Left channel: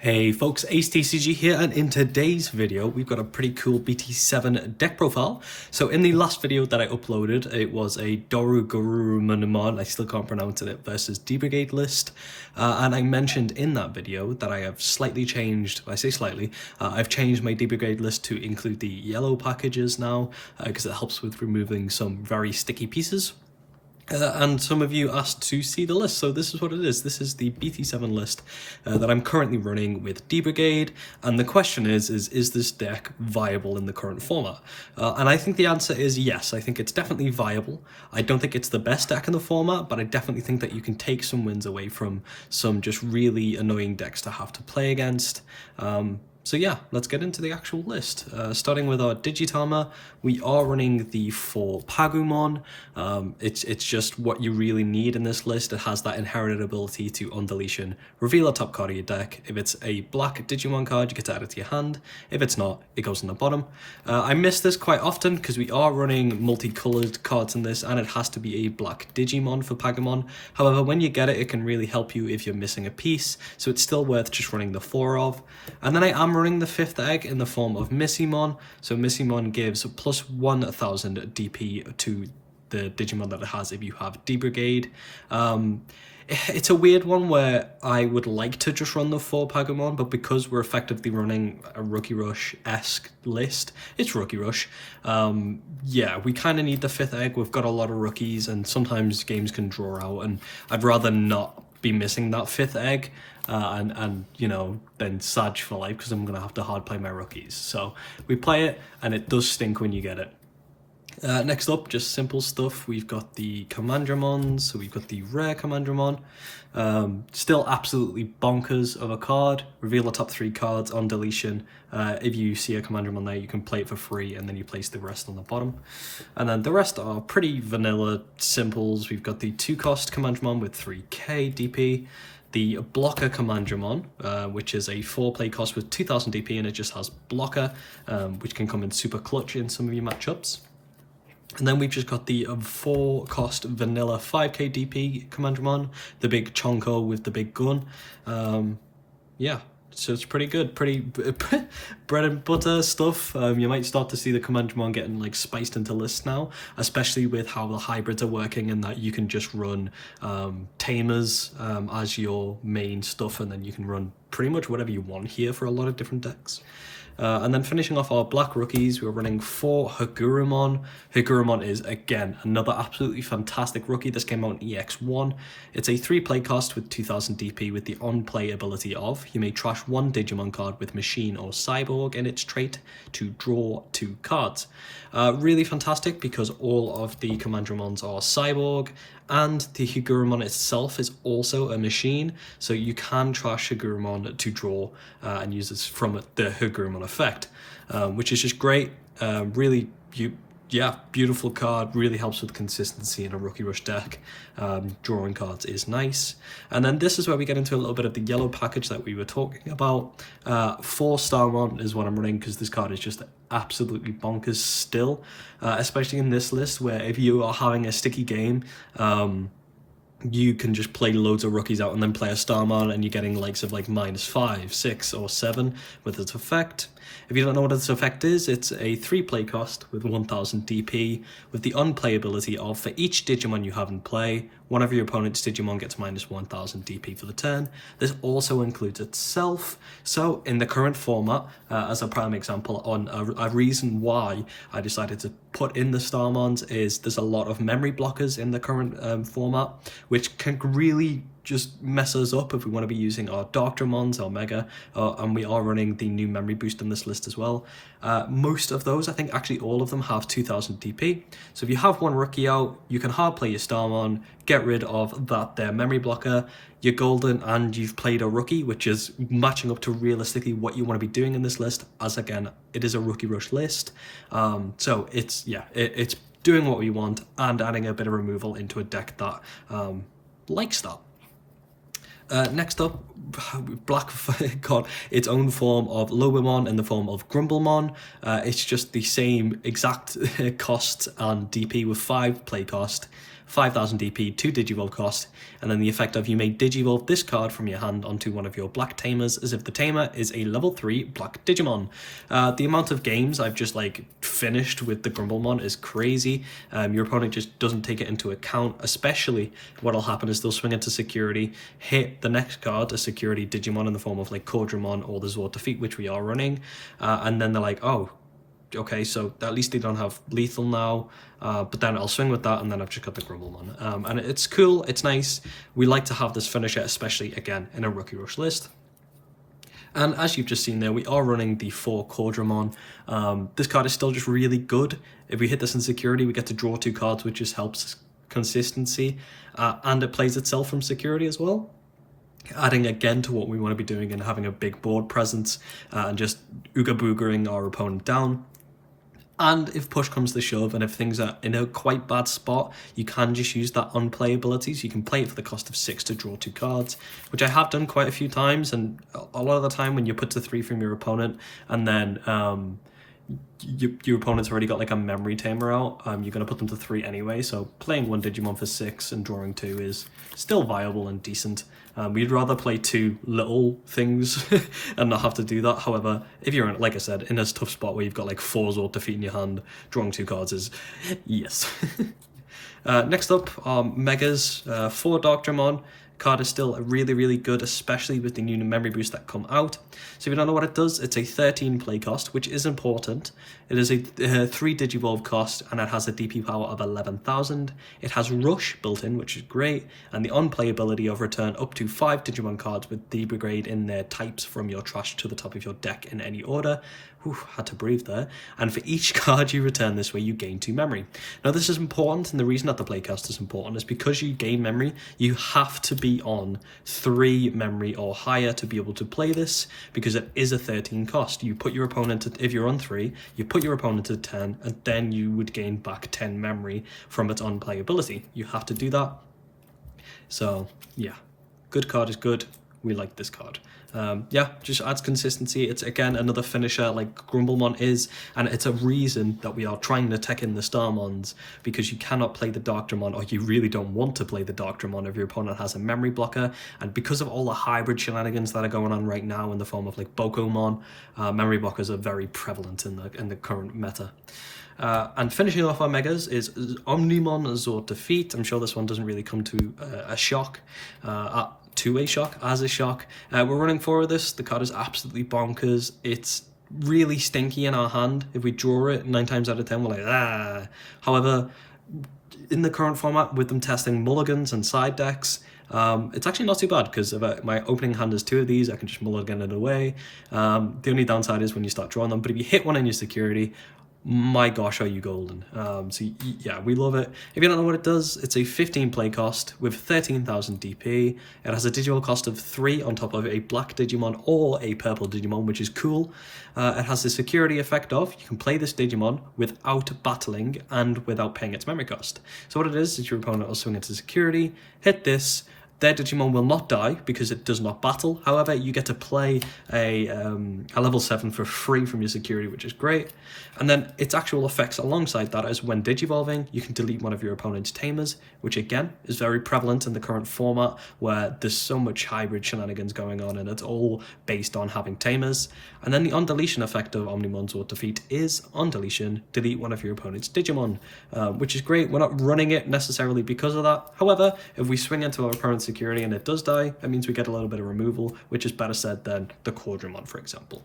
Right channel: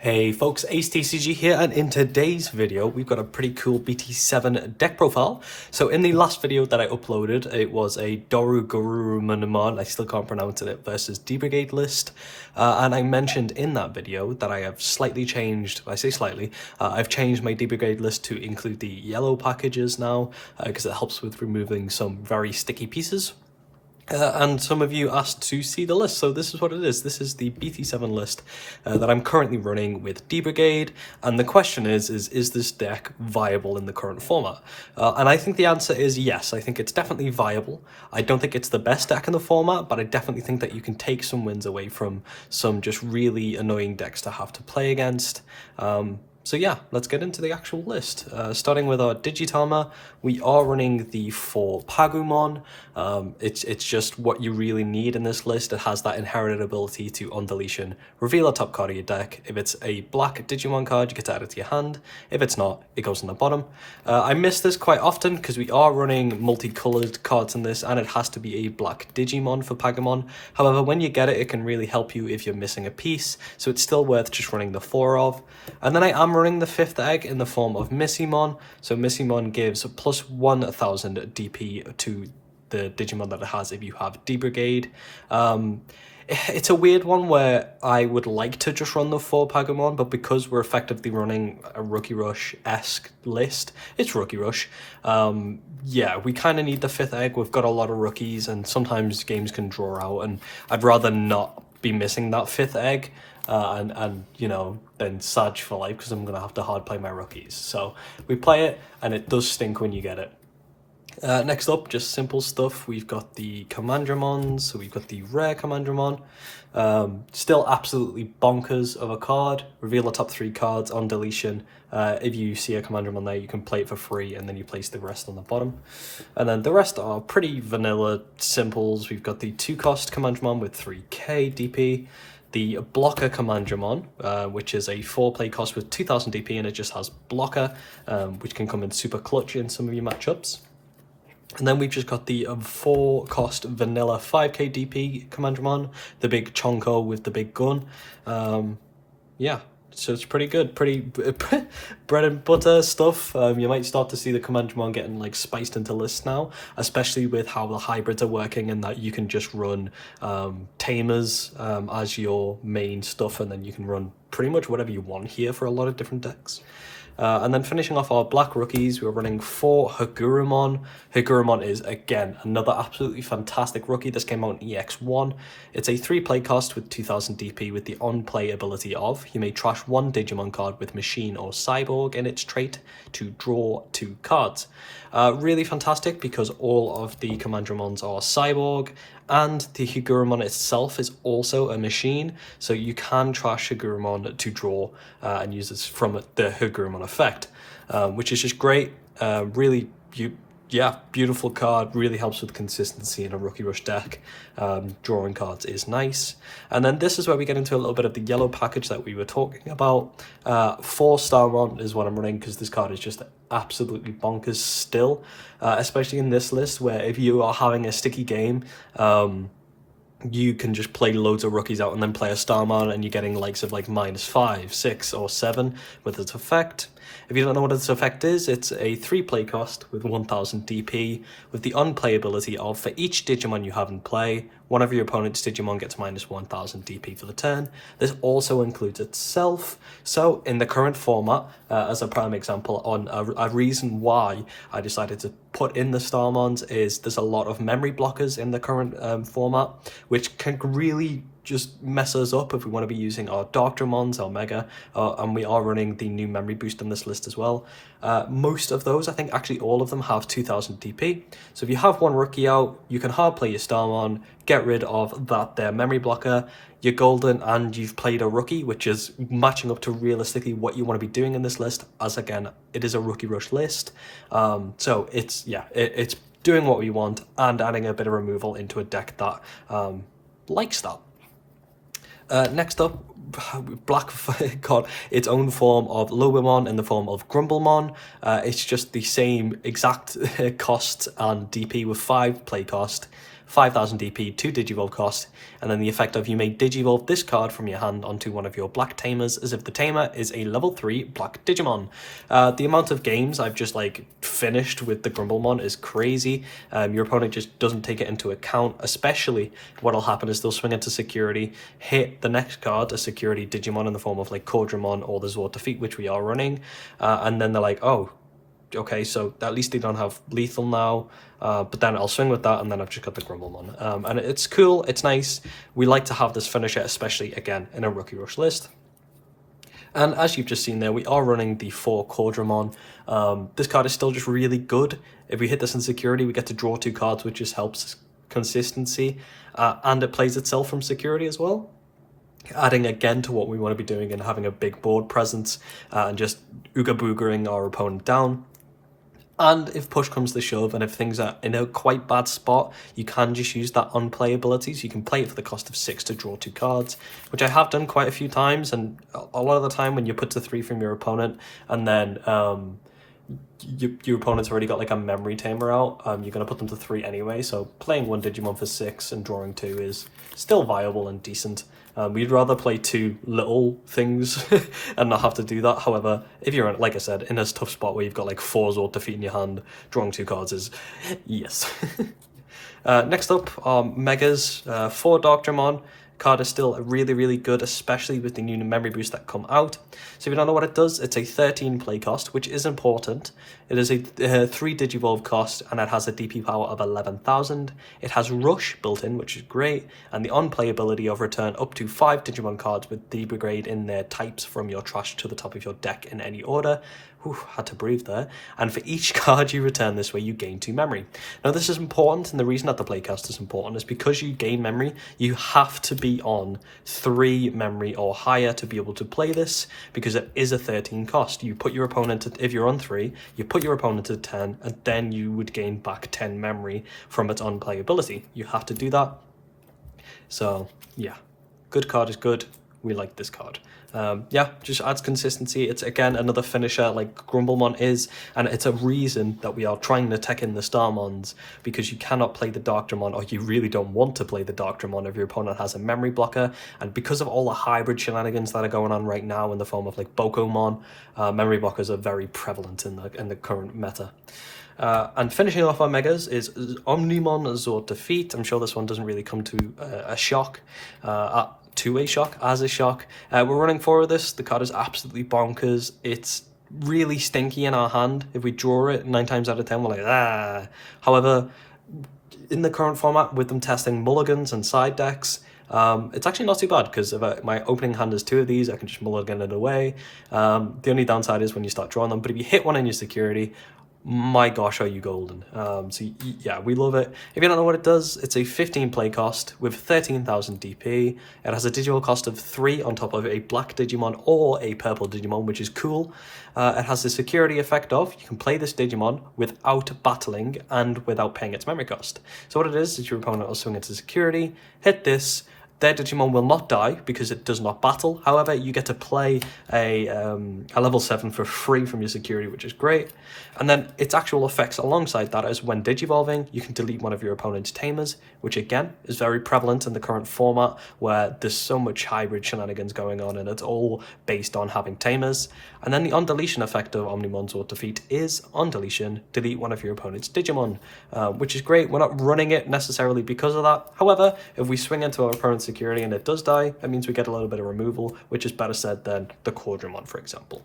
Hey folks, Ace TCG here, and in today's video we've got a pretty cool BT7 deck profile. So in the last video that I uploaded, it was a Hikuramon, I still can't pronounce it, versus D-Brigade list. And I mentioned in that video that I have slightly changed, I say slightly, I've changed my D-Brigade list to include the yellow packages now, because it helps with removing some very sticky pieces. And some of you asked to see the list, so this is what it is. This is the BT7 list that I'm currently running with D-Brigade, and the question is this deck viable in the current format? And I think the answer is yes. I think it's definitely viable. I don't think it's the best deck in the format, but I definitely think that you can take some wins away from some just really annoying decks to have to play against. So yeah, let's get into the actual list. Starting with our Digitama, we are running the 4 Pagumon. It's just what you really need in this list. It has that inherited ability to, on deletion, reveal a top card of your deck. If it's a black Digimon card, you get to add it to your hand. If it's not, it goes on the bottom. I miss this quite often because we are running multicolored cards in this, and it has to be a black Digimon for Pagumon. However, when you get it, it can really help you if you're missing a piece, so it's still worth just running the 4 of. And then I am running the 5th egg in the form of Missimon. So Missimon gives plus 1000 DP to the Digimon that it has if you have D-Brigade. It's a weird one where I would like to just run the 4 Pagumon, but because we're effectively running a Rookie Rush-esque list, it's Rookie Rush. Yeah, we kind of need the 5th egg. We've got a lot of rookies, and sometimes games can draw out, and I'd rather not be missing that 5th egg. And you know, then Saj for life, because I'm going to have to hard play my rookies. So we play it, and it does stink when you get it. Next up, just simple stuff. We've got the Commandramons, so we've got the rare Commandramon. Still absolutely bonkers of a card. Reveal the top 3 cards on deletion. If you see a Commandramon there, you can play it for free, and then you place the rest on the bottom. And then the rest are pretty vanilla simples. We've got the 2-cost Commandramon with 3k DP. The blocker Commandramon, which is a 4-play cost with 2000 DP, and it just has blocker, which can come in super clutch in some of your matchups. And then we've just got the 4-cost vanilla 5k DP Commandramon, the big Chonko with the big gun. Yeah, so it's pretty good, pretty bread and butter stuff. You might start to see the Commandramon getting like spiced into lists now, especially with how the hybrids are working, and that you can just run tamers as your main stuff, and then you can run pretty much whatever you want here for a lot of different decks. And then finishing off our black rookies, we're running 4 Hikuramon. Hikuramon is, again, another absolutely fantastic rookie. This came out in EX1. It's a 3-play cost with 2000 DP with the on-play ability of, you may trash 1 Digimon card with Machine or Cyborg in its trait to draw 2 cards. Really fantastic because all of the Commandramons are Cyborg, and the Hikuramon itself is also a machine, so you can trash Hikuramon to draw and use this from the Hikuramon effect, which is just great. Really, beautiful card, really helps with consistency in a Rookie Rush deck. Drawing cards is nice. And then this is where we get into a little bit of the yellow package that we were talking about. 4 Starmon is what I'm running, because this card is just absolutely bonkers still, especially in this list, where if you are having a sticky game, you can just play loads of rookies out and then play a Starmon, and you're getting likes of like -5, 6, or 7 with its effect. If you don't know what its effect is, it's a 3-play cost with 1000 DP with the unplayability of, for each Digimon you have in play, one of your opponent's Digimon gets -1000 DP for the turn. This also includes itself. So in the current format, as a prime example on a reason why I decided to put in the Starmons is there's a lot of memory blockers in the current format, which can really just mess us up if we want to be using our Darkdramons, our Mega, and we are running the new memory boost on this list as well. Most of those, I think actually all of them, have 2000 DP. So if you have one rookie out, you can hard play your Starmon, get rid of their memory blocker, you're golden, and you've played a rookie, which is matching up to realistically what you want to be doing in this list, as again, it is a Rookie Rush list. So it's doing what we want and adding a bit of removal into a deck that likes that. Next up, Black got its own form of Lobomon in the form of Grumblemon. It's just the same exact cost and DP with 5 play cost, 5000 DP, 2 Digivolve cost, and then the effect of you may Digivolve this card from your hand onto one of your black tamers as if the tamer is a level 3 black Digimon. The amount of games I've just like finished with the grumblemon is crazy. Your opponent just doesn't take it into account, especially what'll happen is they'll swing into security, hit the next card, a security Digimon in the form of like Cordrum or the Zord Defeat, which we are running, and then they're like, oh, okay, so at least they don't have lethal now, but then I'll swing with that, and then I've just got the grumblemon. And it's cool, it's nice. We like to have this finisher, especially, again, in a Rookie Rush list. And as you've just seen there, we are running the 4 Cordrum. This card is still just really good. If we hit this in security, we get to draw 2 cards, which just helps consistency, and it plays itself from security as well. Adding again to what we want to be doing and having a big board presence, and just ooga boogering our opponent down. And if push comes to shove and if things are in a quite bad spot, you can just use that unplayability. So you can play it for the cost of 6 to draw 2 cards, which I have done quite a few times. And a lot of the time when you put to 3 from your opponent and then your opponent's already got like a memory tamer out, you're going to put them to 3 anyway. So playing 1 Digimon for 6 and drawing 2 is still viable and decent. We'd rather play 2 little things and not have to do that. However, if you're, like I said, in a tough spot where you've got like 4 Zord Defeat in your hand, drawing 2 cards is yes. Next up are Megas. 4 Dogdramon. Card is still really, really good, especially with the new memory boosts that come out. So if you don't know what it does, it's a 13 play cost, which is important. It is a 3 Digivolve cost, and it has a DP power of 11,000. It has Rush built in, which is great, and the unplayability of return up to 5 Digimon cards with D-Brigade in their types from your trash to the top of your deck in any order. Whew, had to breathe there. And for each card you return this way, you gain 2 memory. Now this is important, and the reason that the playcast is important is because you gain memory, you have to be on 3 memory or higher to be able to play this, because it is a 13 cost. You put your opponent to, if you're on 3, you put your opponent to 10, and then you would gain back 10 memory from its unplayability. You have to do that. So yeah, good card is good. We like this card. Yeah, just adds consistency. It's again another finisher like Grumblemon is, and it's a reason that we are trying to tech in the Starmons, because you cannot play the Darkdramon, or you really don't want to play the Darkdramon if your opponent has a memory blocker. And because of all the hybrid shenanigans that are going on right now in the form of like Bokomon, memory blockers are very prevalent in the current meta. And finishing off our megas is omnimonoz Zord Defeat. I'm sure this one doesn't really come to a shock. As a shock. We're running 4 of this. The card is absolutely bonkers. It's really stinky in our hand. If we draw it 9 times out of 10, we're like, ah. However, in the current format, with them testing mulligans and side decks, it's actually not too bad, because if my opening hand is 2 of these, I can just mulligan it away. The only downside is when you start drawing them, but if you hit one in your security, my gosh, are you golden. So yeah, we love it. If you don't know what it does, it's a 15 play cost with 13,000 DP. It has a digital cost of 3 on top of a black Digimon or a purple Digimon, which is cool. It has the security effect of you can play this Digimon without battling and without paying its memory cost. So what it is your opponent will swing into security, hit this. Their Digimon will not die because it does not battle. However, you get to play a level 7 for free from your security, which is great. And then its actual effects alongside that is when Digivolving, you can delete one of your opponent's tamers, which again is very prevalent in the current format where there's so much hybrid shenanigans going on and it's all based on having tamers. And then the on-deletion effect of omnimonoz Zord Defeat is on deletion, delete one of your opponent's Digimon, which is great. We're not running it necessarily because of that. However, if we swing into our opponent's security and it does die, that means we get a little bit of removal, which is better said than the Cordrum, for example.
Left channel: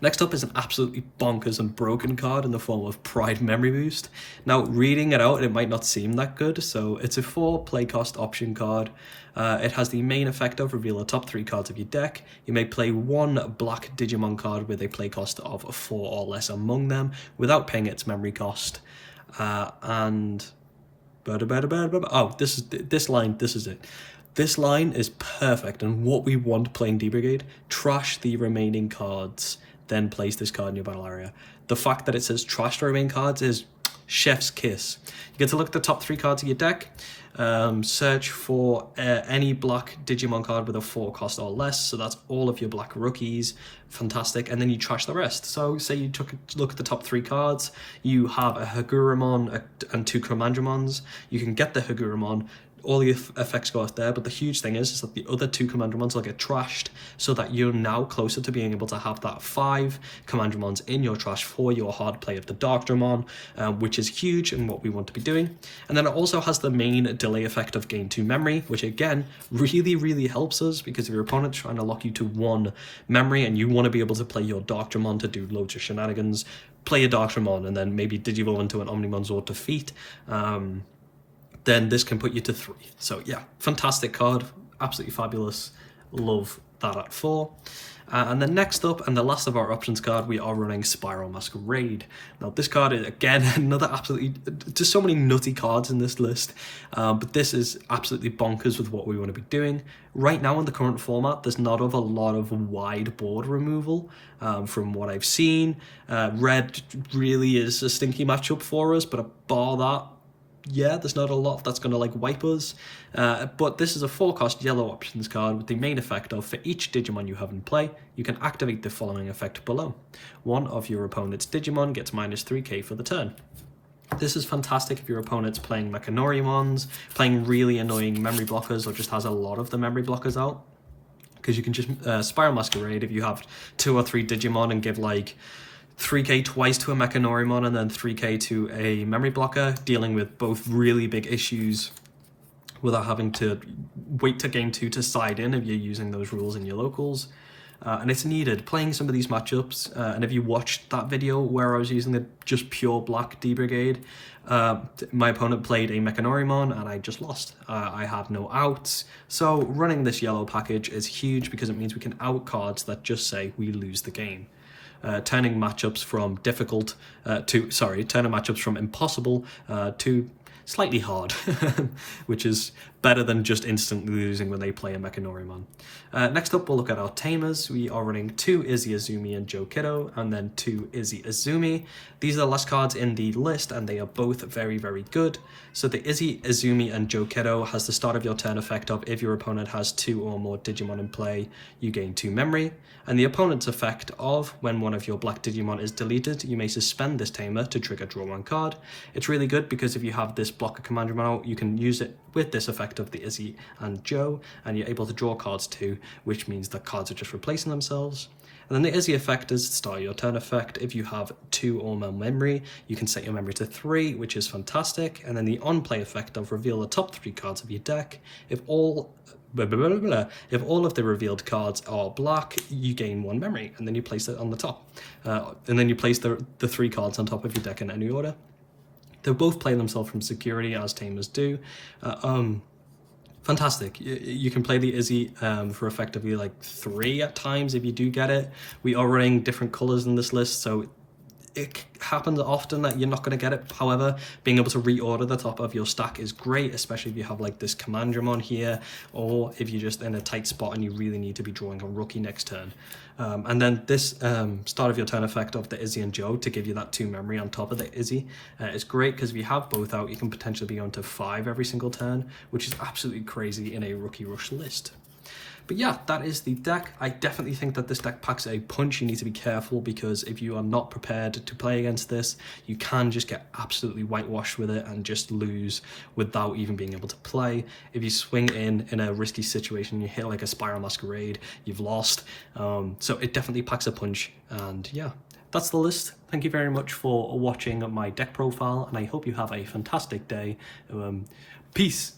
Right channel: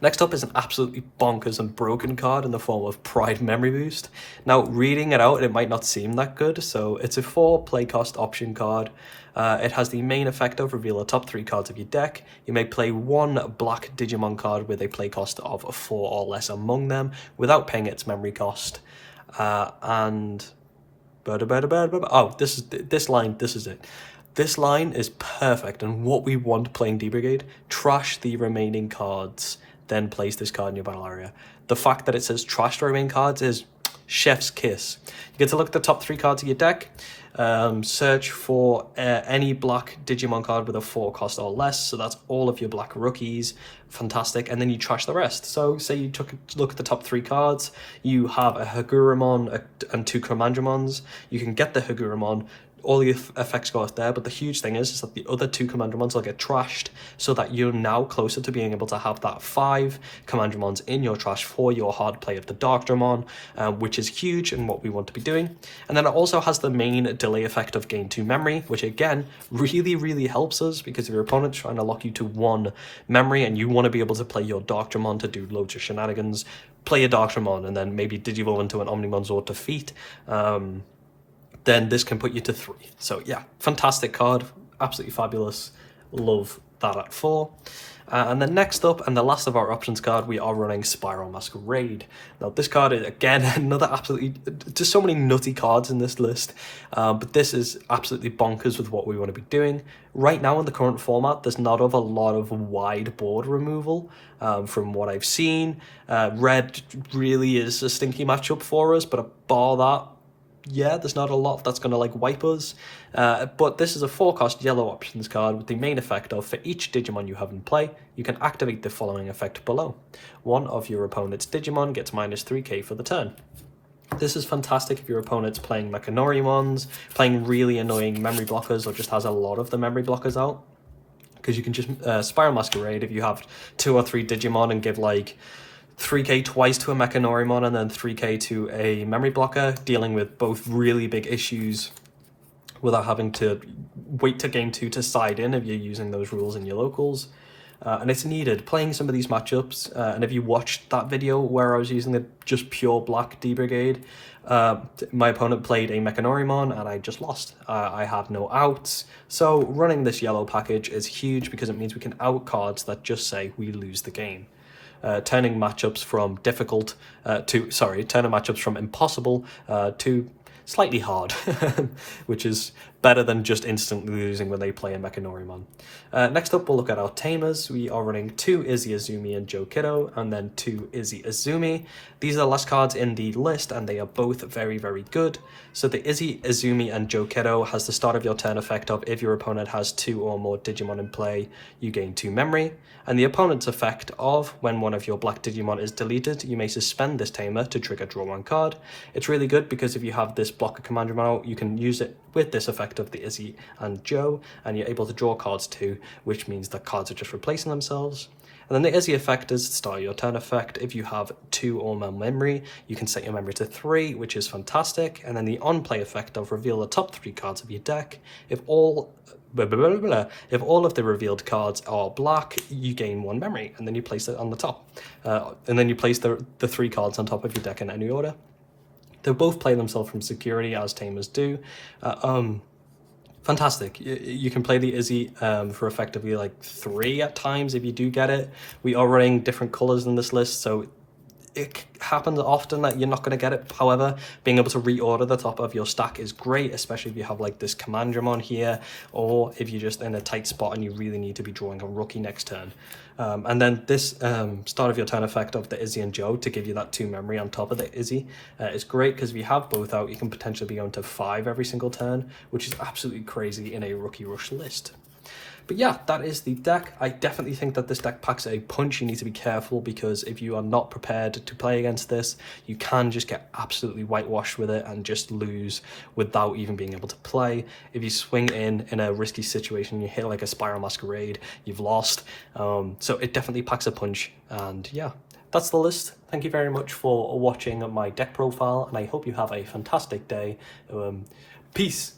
Next up is an absolutely bonkers and broken card in the form of Pride Memory Boost. Now, reading it out, it might not seem that good, so it's a 4 play cost option card. It has the main effect of reveal the top 3 cards of your deck. You may play 1 black Digimon card with a play cost of 4 or less among them without paying its memory cost. This is it. This line is perfect and what we want playing D-Brigade. Trash the remaining cards, then place this card in your battle area. The fact that it says trash the remaining cards is chef's kiss. You get to look at the top 3 cards of your deck. Search for any black Digimon card with a 4 cost or less, so that's all of your black rookies. Fantastic. And then you trash the rest. So say you took a look at the top 3 cards, you have a Hikuramon and 2 Commandromons. You can get the Hikuramon, all the effects go out there, but the huge thing is that the other 2 Commandromons will get trashed, so that you're now closer to being able to have that 5 Commandromons in your trash for your hard play of the Darkdramon, which is huge and what we want to be doing. And then it also has the main delay effect of gain 2 memory, which again really helps us, because if your opponent's trying to lock you to 1 memory and you want to be able to play your Darkdramon to do loads of shenanigans, play a Darkdramon and then maybe digivolve into an omnimonoz or defeat, then this can put you to 3. So yeah, fantastic card, absolutely fabulous. Love that at 4. And then next up, and the last of our options card, we are running Spiral Masquerade. Now this card is, again, another absolutely, just so many nutty cards in this list, but this is absolutely bonkers with what we want to be doing. Right now in the current format, there's not a lot of wide board removal from what I've seen. Red really is a stinky matchup for us, but bar that, yeah, there's not a lot that's going to like wipe us, but this is a 4-cost yellow options card with the main effect of, for each Digimon you have in play, you can activate the following effect below. One of your opponent's Digimon gets -3k for the turn. This is fantastic if your opponent's playing Mechanorimons, playing really annoying memory blockers, or just has a lot of the memory blockers out, because you can just Spiral Masquerade if you have 2 or 3 Digimon and give like 3k twice to a Mechanorimon and then 3k to a memory blocker, dealing with both really big issues without having to wait to game 2 to side in if you're using those rules in your locals. And it's needed playing some of these matchups, and if you watched that video where I was using the just pure black D-Brigade, my opponent played a Mechanorimon and I just lost. I have no outs, so running this yellow package is huge because it means we can out cards that just say we lose the game. Turning matchups from difficult turning matchups from impossible to slightly hard, which is better than just instantly losing when they play a Mechanorimon. Next up, we'll look at our tamers. We are running 2 Izzy Azumi and Joe Kiddo, and then 2 Izzy Azumi. These are the last cards in the list, and they are both very good. So the Izzy Azumi and Joe Kiddo has the start of your turn effect of, if your opponent has 2 or more Digimon in play, you gain 2 memory. And the opponent's effect of, when one of your black Digimon is deleted, you may suspend this tamer to trigger draw 1 card. It's really good because if you have this blocker Commandromon out, you can use it with this effect of the Izzy and Joe, and you're able to draw cards too, which means that cards are just replacing themselves. And then the Izzy effect is start your turn effect. If you have 2 or more memory, you can set your memory to 3, which is fantastic. And then the on-play effect of reveal the top 3 cards of your deck. If all of the revealed cards are black, you gain 1 memory, and then you place it on the top. And then you place the 3 cards on top of your deck in any order. They both play themselves from security, as tamers do. Fantastic. You can play the Izzy for effectively like 3 at times if you do get it. We are running different colors in this list, so it happens often that you're not going to get it. However, being able to reorder the top of your stack is great, especially if you have like this Commandromon here, or if you're just in a tight spot and you really need to be drawing a rookie next turn. And then this start of your turn effect of the Izzy and Joe to give you that 2 memory on top of the Izzy is great, because if you have both out, you can potentially be going to 5 every single turn, which is absolutely crazy in a rookie rush list. But yeah, that is the deck. I definitely think that this deck packs a punch. You need to be careful, because if you are not prepared to play against this, you can just get absolutely whitewashed with it and just lose without even being able to play. If you swing in a risky situation, you hit like a Spiral Masquerade, you've lost. So it definitely packs a punch, and yeah. That's the list. Thank you very much for watching my deck profile, and I hope you have a fantastic day. Peace.